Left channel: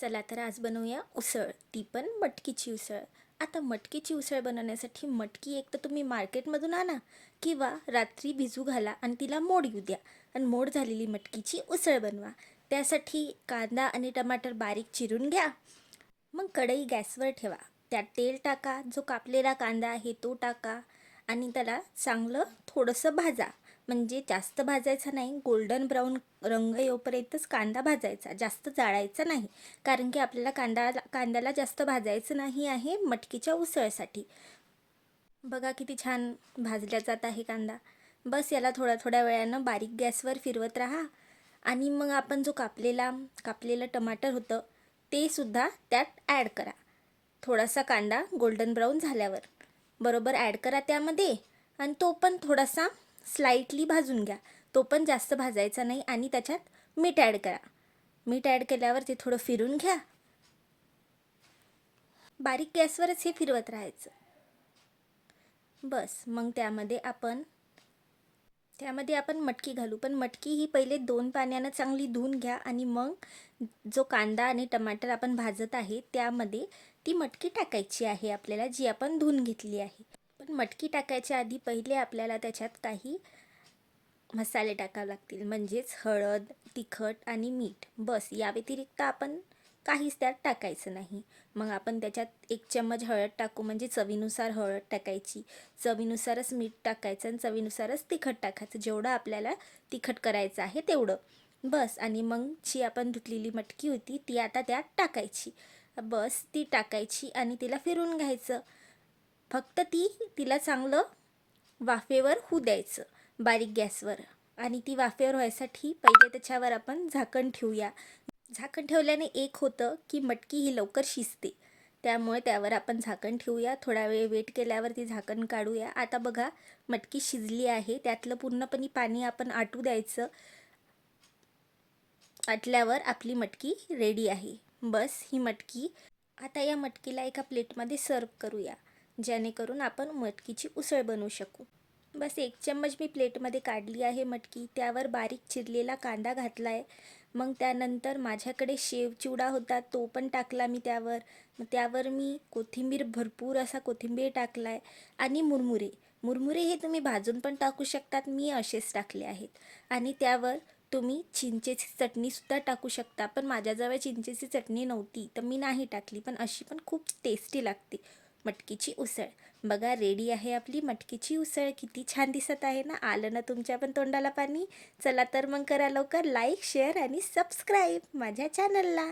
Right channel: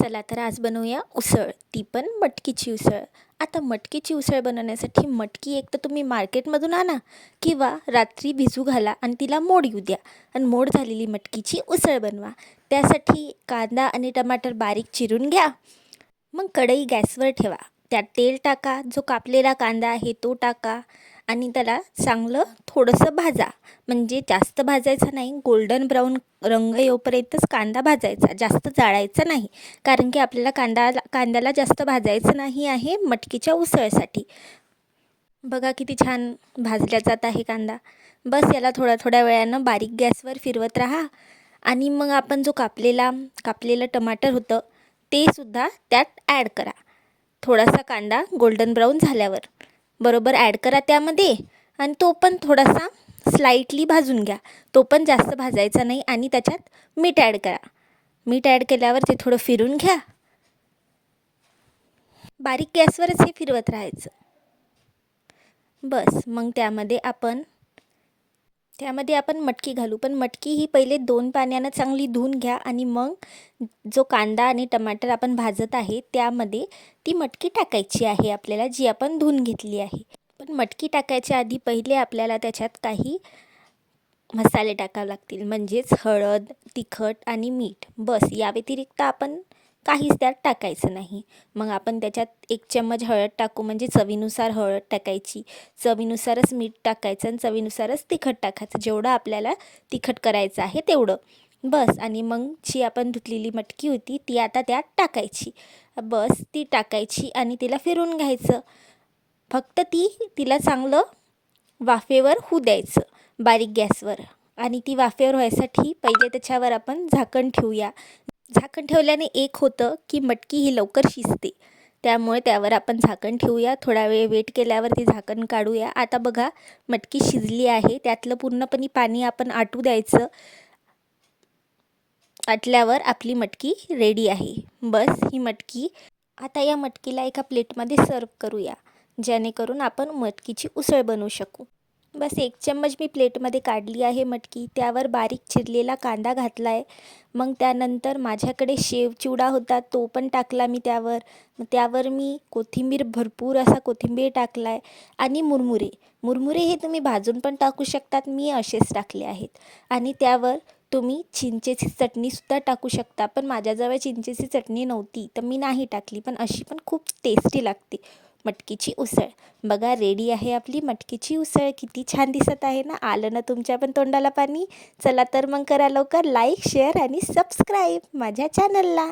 चला तर आज बनवूया उसळ, ती पण मटकीची उसळ. आता मटकीची उसळ बनवण्यासाठी मटकी एक तर तुम्ही मार्केटमधून आणा किंवा रात्री भिजू घाला आणि तिला मोड येऊ द्या आणि मोड झालेली मटकीची उसळ बनवा. त्यासाठी कांदा आणि टमाटर बारीक चिरून घ्या. मग कढई गॅसवर ठेवा. त्यात तेल टाका. जो कापलेला कांदा आहे तो टाका आणि त्याला चांगलं थोडंसं भाजा. म्हणजे जास्त भाजायचं नाही, गोल्डन ब्राऊन रंग येऊपर्यंतच कांदा भाजायचा, जास्त जाळायचा नाही. कारण की आपल्याला कांद्याला जास्त भाजायचं नाही आहे मटकीच्या उसळसाठी. बघा किती छान भाजला जात आहे कांदा. बस याला थोड्या थोड्या वेळानं बारीक गॅसवर फिरवत राहा आणि मग आपण जो कापलेलं टमाटर होतं ते सुद्धा त्यात ॲड करा. थोडासा कांदा गोल्डन ब्राऊन झाल्यावर बरोबर ॲड करा त्यामध्ये आणि तो पण थोडासा स्लाइटली भाजून घ्या. तो पण जास्त भाजायचा नाही आणि त्याच्यात मीठ ॲड करा. मीठ ॲड केल्यावर ते थोडं फिरून घ्या. बारीक गॅसवरच हे फिरवत राहायचं. बस मग त्यामध्ये आपण मटकी घालू. पण मटकी ही पहिले 2 पाण्यानं चांगली धुवून घ्या आणि मग जो कांदा आणि टमाटर आपण भाजत आहे त्यामध्ये ती मटकी टाकायची आहे आपल्याला, जी आपण धुवून घेतली आहे. पण मटकी टाकायच्या आधी पहिले आपल्याला त्याच्यात काही मसाले टाकावे लागतील, म्हणजेच हळद, तिखट आणि मीठ. बस या व्यतिरिक्त आपण काहीच त्यात टाकायचं नाही. मग आपण त्याच्यात 1 चम्मच हळद टाकू, म्हणजे चवीनुसार हळद टाकायची, चवीनुसारच मीठ टाकायचं आणि चवीनुसारच तिखट टाकायचं, जेवढं आपल्याला तिखट करायचं आहे तेवढं. बस आणि मग जी आपण धुतलेली मटकी होती ती आता त्यात टाकायची. बस ती टाकायची आणि तिला फिरून घ्यायचं. फक्त तिला चांगलं वाफेवर होऊ द्यायचं बारीक गॅसवर. आणि ती वाफेवर व्हायसाठी पहिले त्याच्यावर आपण झाकण ठेवूया. झाकण ठेवल्याने एक होतं की मटकी ही लवकर शिजते, त्यामुळे त्यावर आपण झाकण ठेवूया. थोडा वेळ वेट केल्यावर ती झाकण काढूया. आता बघा मटकी शिजली आहे. त्यातलं पूर्णपणे पाणी आपण आटू द्यायचं. आटल्यावर आपली मटकी रेडी आहे. बस ही मटकी आता या मटकीला एका प्लेटमध्ये सर्व करूया, जेणेकरून आपण मटकीची उसळ बनवू शकू. बस 1 चम्मच मी प्लेटमध्ये काढली आहे मटकी. त्यावर बारीक चिरलेला कांदा घातला आहे. मग त्यानंतर माझ्याकडे शेव चिवडा होता, तो पण टाकला मी त्यावर. मग त्यावर मी भरपूर असा कोथिंबीर टाकला आहे आणि मुरमुरे हे तुम्ही भाजून पण टाकू शकतात, मी असेच टाकले आहेत. आणि त्यावर तुम्ही चिंचेची चटणीसुद्धा टाकू शकता, पण माझ्याजवळ चिंचेची चटणी नव्हती तर मी नाही टाकली. पण अशी पण खूप टेस्टी लागते मटकीची उसळ. बघा रेडी आहे आपली मटकीची उसळ. किती छान दिसत आहे ना. आलं ना तुमच्या पण तोंडाला पाणी. चला तर मग करा लवकर लाईक, शेअर आणि सबस्क्राईब माझ्या चॅनलला.